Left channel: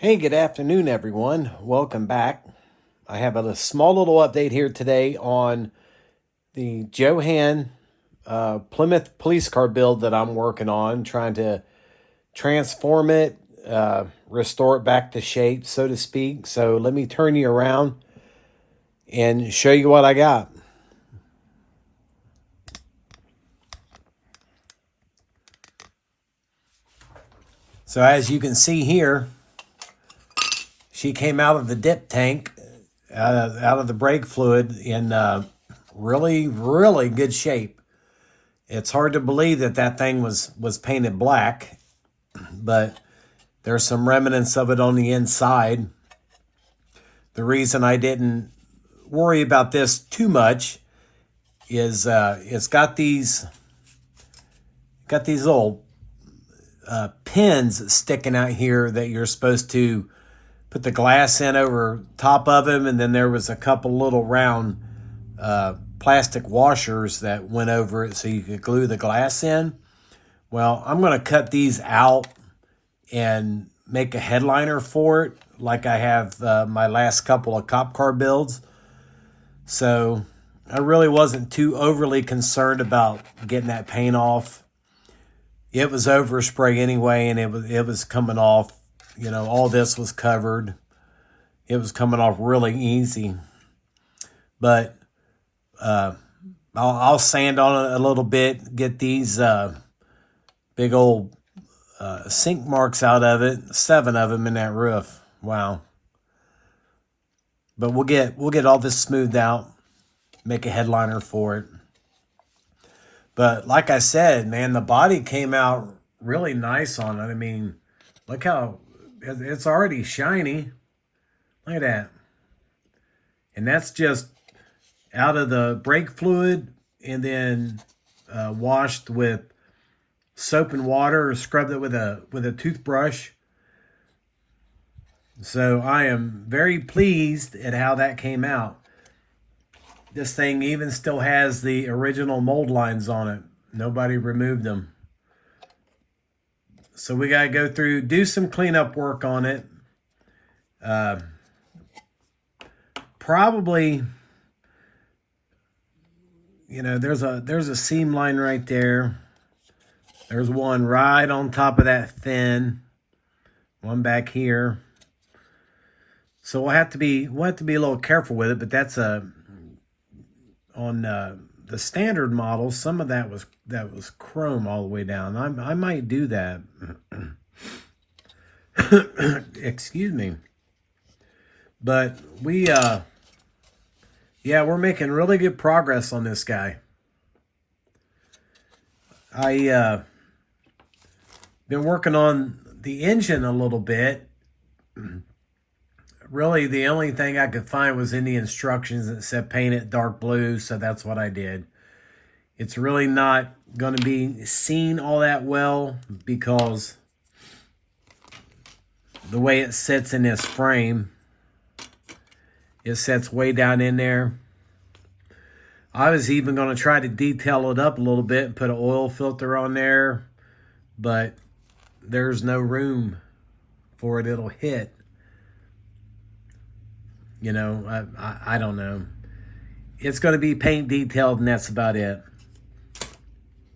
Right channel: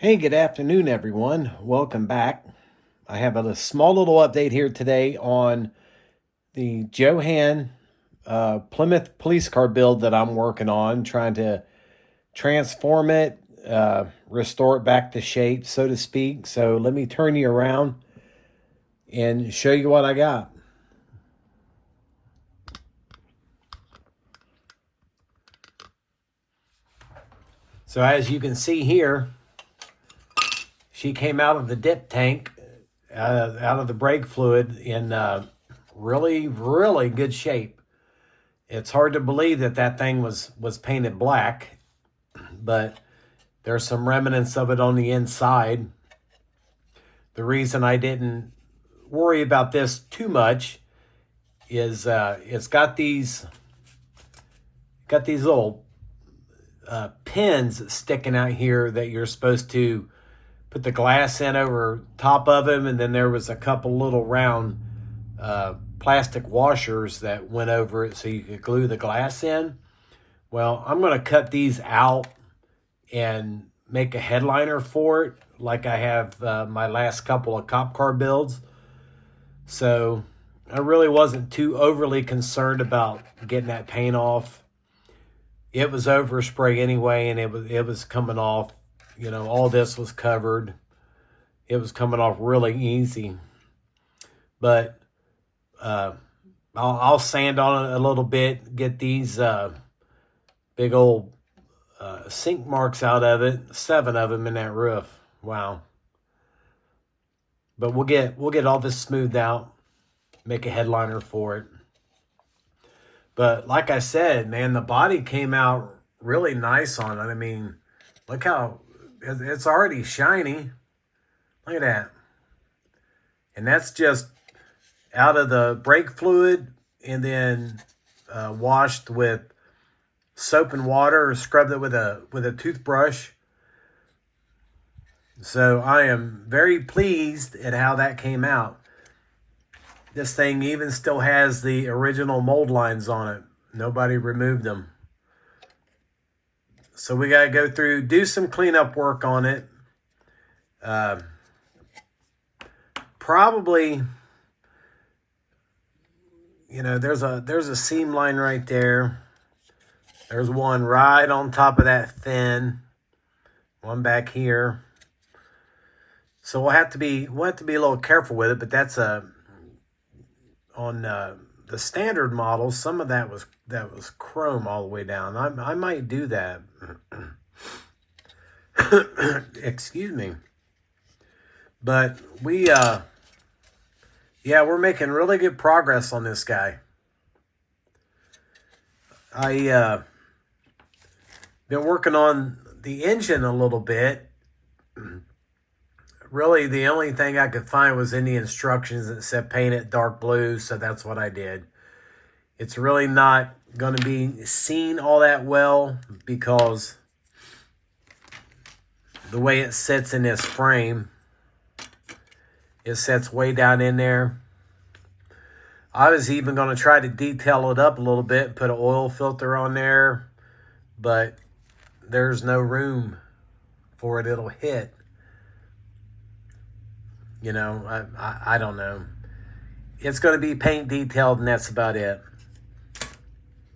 Hey, good afternoon, everyone. Welcome back. I have a small little update here today on the Johan Plymouth police car build that I'm working on, trying to transform it, restore it back to shape, so to speak. So let me turn you around and show you what I got. So as you can see here, she came out of the dip tank, out of the brake fluid in really, really good shape. It's hard to believe that that thing was painted black, but there's some remnants of it on the inside. The reason I didn't worry about this too much is it's got these little pins sticking out here that you're supposed to put the glass in over top of them, and then there was a couple little round plastic washers that went over it so you could glue the glass in. Well, I'm going to cut these out and make a headliner for it like I have my last couple of cop car builds. So I really wasn't too overly concerned about getting that paint off. It was overspray anyway, and it was coming off. You know, all this was covered. It was coming off really easy. But I'll sand on it a little bit, get these big old sink marks out of it. 7 of them in that roof. Wow. But we'll get all this smoothed out, make a headliner for it. But like I said, man, the body came out really nice on it. I mean, look how it's already shiny. Look at that. And that's just out of the brake fluid and then washed with soap and water, or scrubbed it with a toothbrush. So I am very pleased at how that came out. This thing even still has the original mold lines on it. Nobody removed them. So we got to go through, do some cleanup work on it. Probably, you know, there's a seam line right there. There's one right on top of that fin. One back here. So we'll have to be a little careful with it, but that's on the standard model, some of that was chrome all the way down. I might do that. Excuse me. But we're making really good progress on this guy. I been working on the engine a little bit. Really, the only thing I could find was in the instructions that said paint it dark blue, so that's what I did. It's really not going to be seen all that well because the way it sits in this frame, it sits way down in there. I was even going to try to detail it up a little bit and put an oil filter on there, but there's no room for it. It'll hit. You know, I don't know. It's going to be paint detailed, and that's about it. But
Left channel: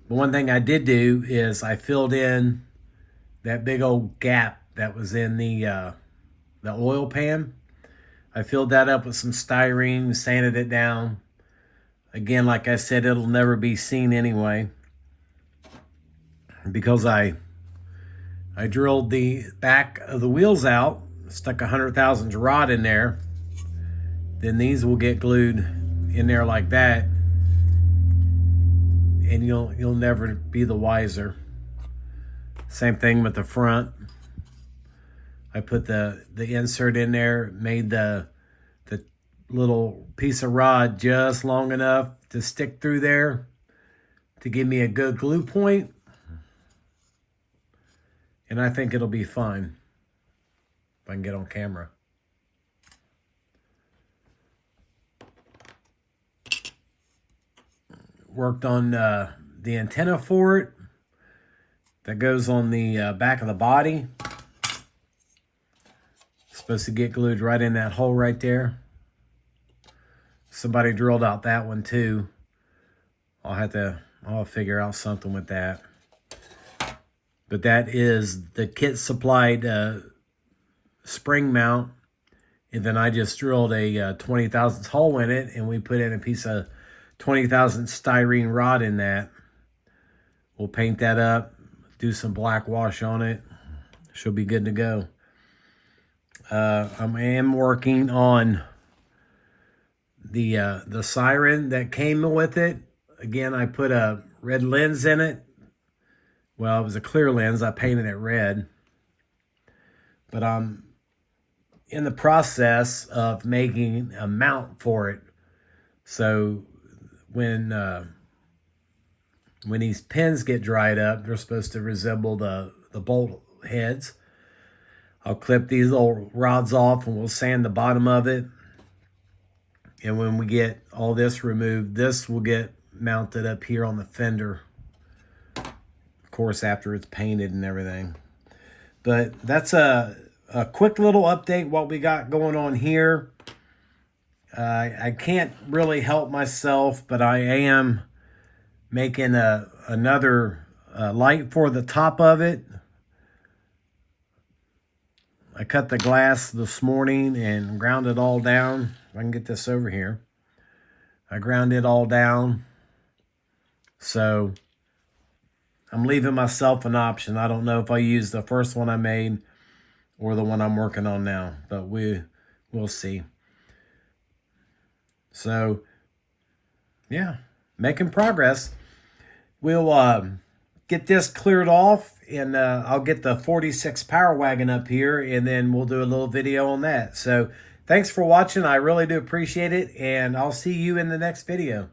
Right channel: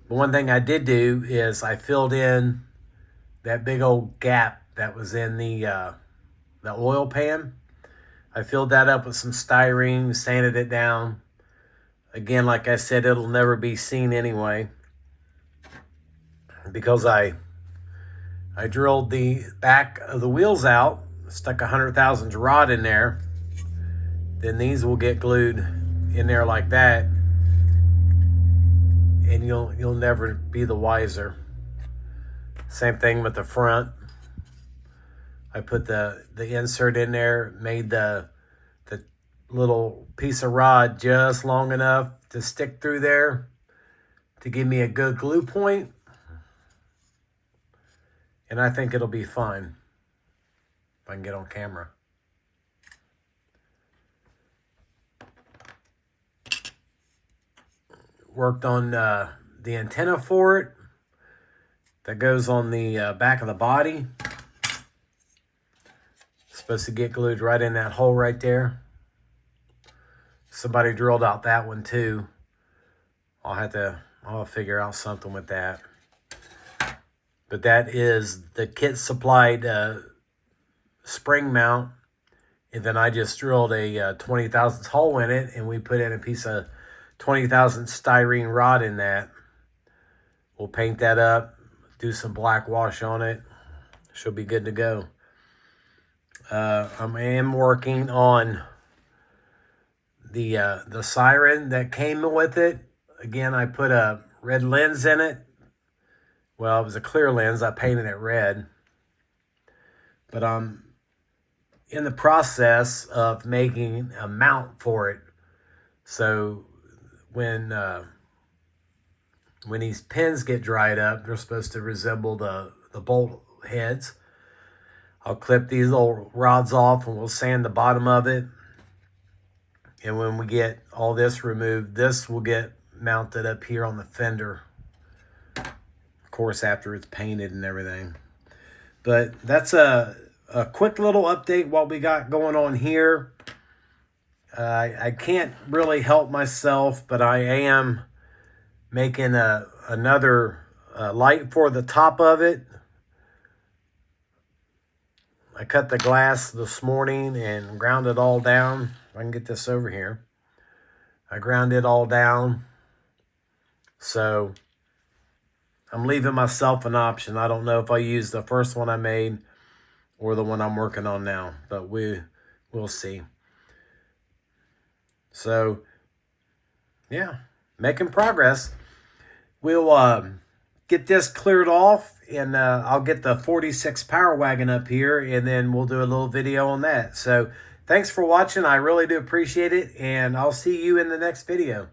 one thing I did do is I filled in that big old gap that was in the oil pan. I filled that up with some styrene, sanded it down. Again, like I said, it'll never be seen anyway, because I drilled the back of the wheels out, stuck a 100,000 rod in there. Then these will get glued in there like that, and you'll never be the wiser. Same thing with the front. I put the insert in there, made the little piece of rod just long enough to stick through there to give me a good glue point, and I think it'll be fine if I can get on camera. Worked on the antenna for it that goes on the back of the body. Supposed to get glued right in that hole right there. Somebody drilled out that one too. I'll figure out something with that. But that is the kit supplied spring mount. And then I just drilled a 20 thousandths hole in it, and we put in a piece of 20 thousandths styrene rod in that. We'll paint that up, do some black wash on it. She'll be good to go. I am working on the siren that came with it. Again, I put a red lens in it. Well, it was a clear lens. I painted it red. But I'm in the process of making a mount for it. So when these pins get dried up, they're supposed to resemble the bolt heads. I'll clip these little rods off and we'll sand the bottom of it. And when we get all this removed, this will get mounted up here on the fender. Of course, after it's painted and everything. But that's a quick little update what we got going on here. I can't really help myself, but I am making another light for the top of it. I cut the glass this morning and ground it all down. I can get this over here. I ground it all down. So I'm leaving myself an option. I don't know if I use the first one I made or the one I'm working on now, but we'll see. So yeah, making progress. We'll get this cleared off, and I'll get the 46 Power Wagon up here, and then we'll do a little video on that. So thanks for watching. I really do appreciate it, and I'll see you in the next video.